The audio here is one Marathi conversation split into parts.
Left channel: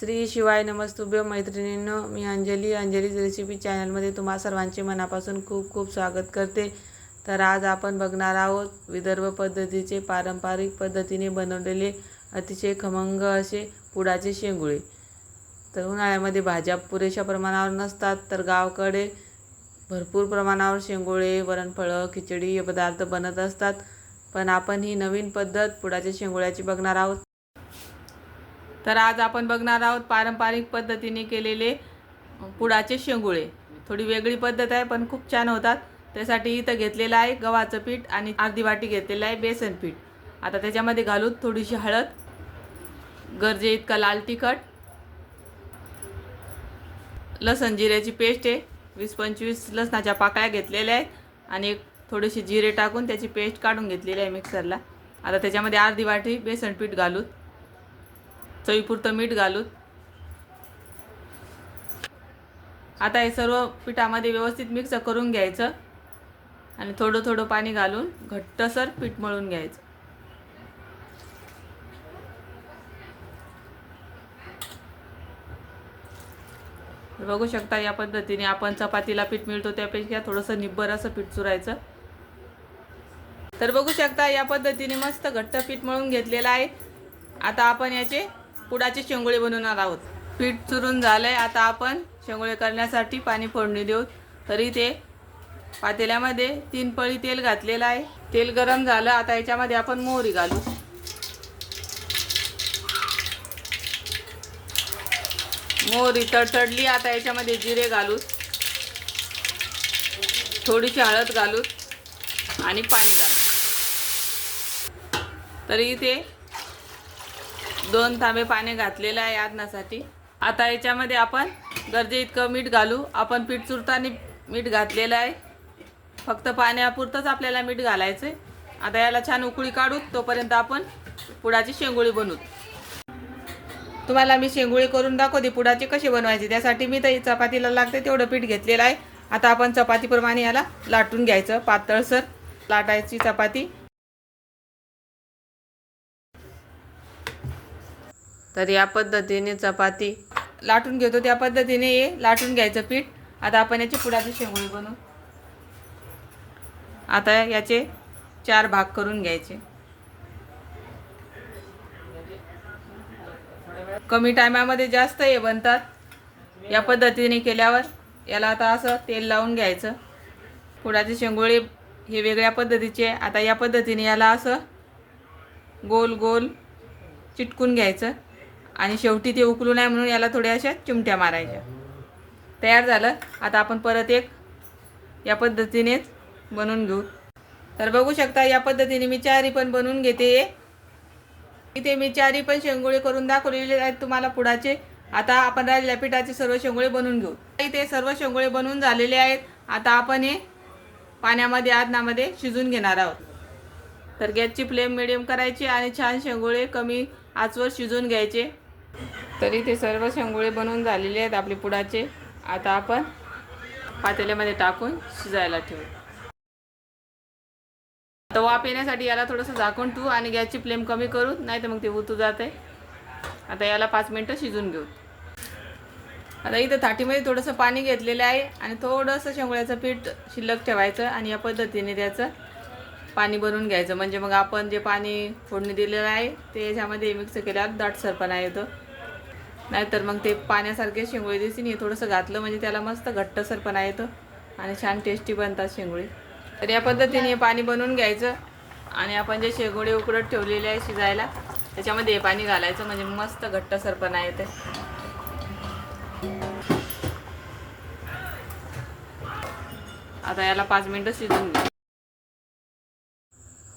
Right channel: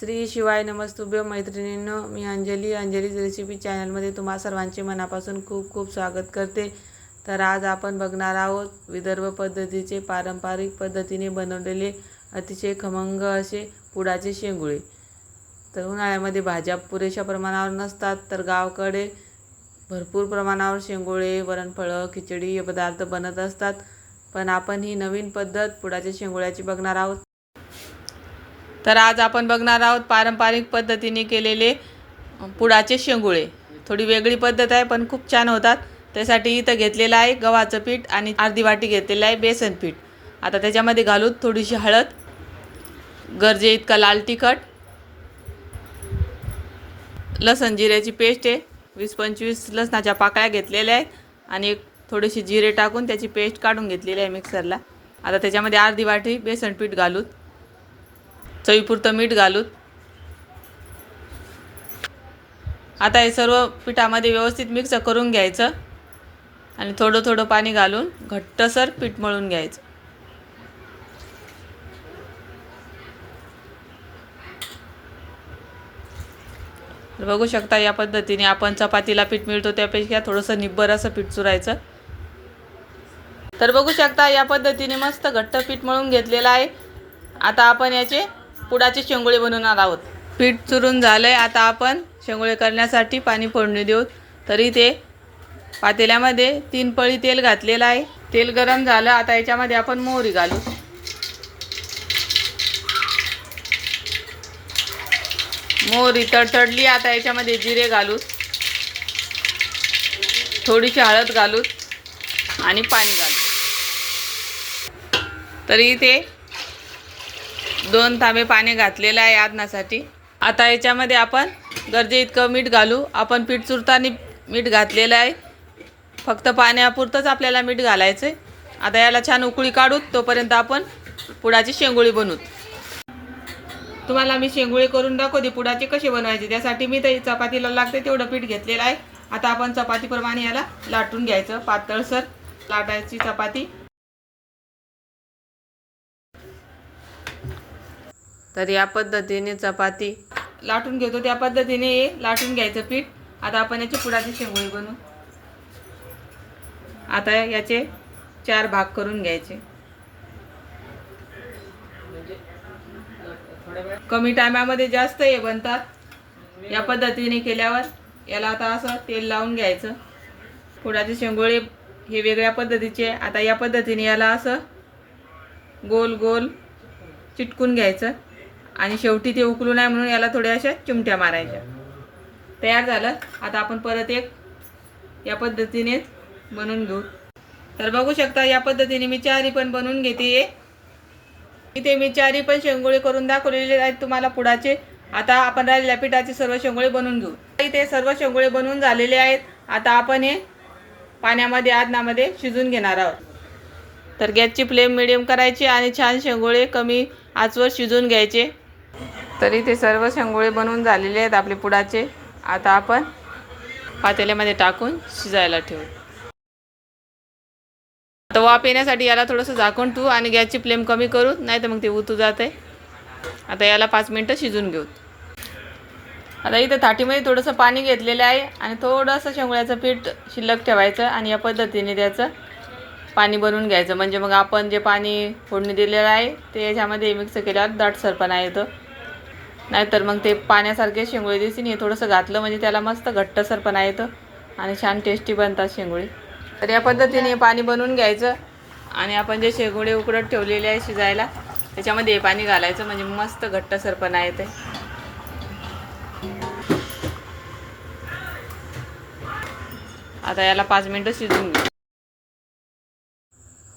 श्री शिवाय नमस्तुभ्य मैत्रिणींनो, मी अंजलीज रेसिपी चॅनलमध्ये तुम्हा सर्वांचे मनापासून खूप खूप स्वागत करते। तर आज आपण बघणार आहोत विदर्भ पद्धतीचे पारंपरिक पद्धतीने बनवलेले अतिशय खमंग असे पुडाचे शेंगुळे। तर उन्हाळ्यामध्ये भाज्या पुरेशा प्रमाणावर नसतात, तर गावाकडे भरपूर प्रमाणावर शेंगुळे, वरणफळं, खिचडी हे पदार्थ बनत असतात। पण आपण ही नवीन पद्धत पुडाच्या शेंगुळ्याची बघणार आहोत। तर आज आपण बघणार आहोत पारंपरिक पद्धतीने केलेले पुडाचे शेंगुळे। थोडी वेगळी पद्धत आहे पण खूप छान होतात। त्यासाठी इथं घेतलेलं आहे गव्हाचं पीठ आणि अर्धी वाटी घेतलेलं आहे बेसन पीठ। आता त्याच्यामध्ये घालून थोडीशी हळद, गरजे इतका लाल तिखट, लसण जिऱ्याची पेस्ट आहे, 20-25 लसणाच्या पाकळ्या घेतलेल्या आहेत आणि थोडीशी जिरे टाकून त्याची पेस्ट काढून घेतलेली आहे मिक्सरला। आता त्याच्यामध्ये अर्धी वाटी बेसन पीठ घालून, चवीपुरतं मीठ घालून आता हे सर्व पिठामध्ये व्यवस्थित मिक्स करून घ्यायचं आणि थोडं थोडं पाणी घालून घट्टसर पीठ मळून घ्यायचं। बघू शकता या पद्धतीने आपण चपातीला पीठ मिळतो त्यापेक्षा थोडंसं निब्बर असं पीठ चुरायचं। तर बघू शकता या पद्धतीने मस्त घट्ट पीठ मळून घेतलेलं आहे। आता आपण याचे पुडाचे शेंगुळे बनवणार आहोत। पीठ चुरून झालंय, आता आपण शेंगुळे करण्यासाठी पाणी फोडणी देऊ। तरी ते पातेल्यामध्ये 3 पळी तेल घातलेलं आहे। तेल गरम झालं, आता याच्यामध्ये आपण मोहरी घालू। मोहरी तडतडली, आता याच्यामध्ये जिरे घालू, थोडीशी हळद घालू आणि पाणी घालू। तरी इथे 2 तांबे पाणी घातलेलं आहे आदनासाठी। आता याच्यामध्ये आपण गरजे इतकं मीठ घालू। आपण पीठ चुरताना मीठ घातलेलं आहे, फक्त पाण्यापुरतंच आपल्याला मीठ घालायचं आहे। आता याला छान उकळी काढू, तोपर्यंत आपण पुडाची शेंगुळे बनवू। तुम्हाला मी शेंगुळे करून दाखवते पुडाचे कसे बनवायचे। त्यासाठी मी तर चपातीला लागते तेवढं पीठ घेतलेलं आहे। आता आपण चपातीप्रमाणे याला लाटून घ्यायचं, पातळसर लाटायची चपाती। तर या पद्धतीने चपाती लाटून घेतो त्या पद्धतीने हे लाटून घ्यायचं पीठ। आता आपण याचे पुडाचे शेंगुळे बनवू। आता याचे 4 भाग करून घ्यायचे। कमी टायमामध्ये जास्त हे बनतात या पद्धतीने केल्यावर। याला आता असं तेल लावून घ्यायचं। पुडाचे शेंगुळे हे वेगळ्या पद्धतीचे। आता या पद्धतीने याला असं गोल गोल चिटकून घ्यायचं आणि शेवटी ते उकळू नये म्हणून याला थोड्या अशा चिमट्या मारायच्या। तयार झालं। आता आपण परत एक या पद्धतीनेच बनवून घेऊ। तर बघू शकता या पद्धतीने मी चारी पण बनवून घेते। इथे मी चारी पण शेंगुळे करून दाखवलेले आहेत तुम्हाला पुडाचे। आता आपण राहिलेल्या पिठाचे सर्व शेंगुळे बनवून घेऊ। इथे सर्व शेंगुळे बनवून झालेले आहेत। आता आपण हे पाण्यामध्ये आदनामध्ये शिजून घेणार आहोत। तर गॅसची फ्लेम मिडियम करायची आणि छान शेंगुळे कमी आचवर शिजून घ्यायचे। तर इथे सर्व शेंगुळे बनवून झालेले आहेत आपले पुडाचे। आता आपण पातेल्यामध्ये टाकून शिजायला ठेवू। आता वाफ येण्यासाठी याला थोडंसं झाकून ठेवू आणि गॅसची फ्लेम कमी करू, नाही तर मग ते उतू जाते। आता याला 5 मिनिटं शिजून घेऊ। आता इथं थाटीमध्ये थोडंसं पाणी घेतलेलं आहे आणि थोडंसं शेंगुळ्याचं पीठ शिल्लक ठेवायचं आणि या पद्धतीने त्याचं पाणी बनवून घ्यायचं। म्हणजे मग आपण जे पाणी फोडणी दिलेलं आहे ते याच्यामध्ये मिक्स केल्यावर दाटसरपणा येतो, नाहीतर मग ते पाण्यासारखे शेंगुळे दिसतील। हे थोडंसं घातलं म्हणजे त्याला मस्त घट्टसरपणा येतो आणि छान टेस्टी बनतात शेंगुळे। तर या पद्धतीने पाणी बनवून घ्यायचं आणि आपण जे शेंगुळे उकडत ठेवलेले आहे शिजायला त्याच्यामध्ये हे पाणी घालायचं, म्हणजे मस्त घट्टसरपणा येते। आता याला 5 मिनिटं शिजून घेऊ।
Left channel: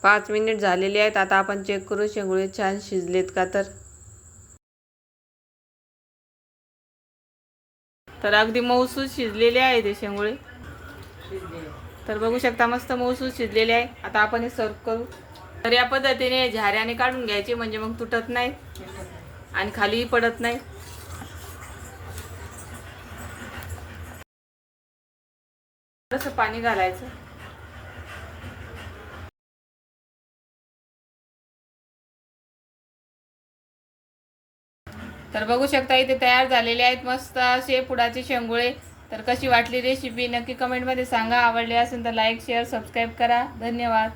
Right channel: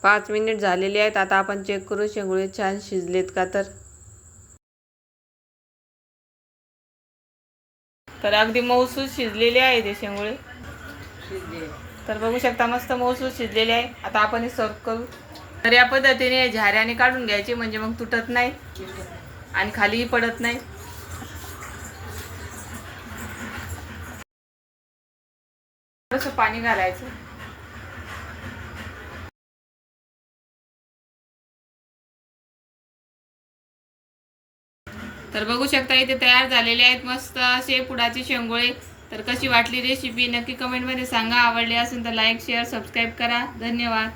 5 मिनिट झालेले आहेत। आता आपण चेक करू शेंगुळे छान शिजलेत का। तर अगदी मऊसूत शिजलेले आहे ते शेंगुळे। तर बघू शकता मस्त मऊसूत शिजलेले आहे। आता आपण हे सर्व करू। तर या पद्धतीने झाऱ्याने काढून घ्यायचे, म्हणजे मग तुटत नाही आणि खालीही पडत नाही। थोडंसं पाणी घालायचं। तर बघू शकता इथे तयार झालेले आहेत मस्त असे पुडाचे शेंगोळे. तर कशी वाटली रेसिपी नक्की कमेंटमध्ये सांगा. आवडली असेल तर लाईक शेअर सबस्क्राईब करा. धन्यवाद.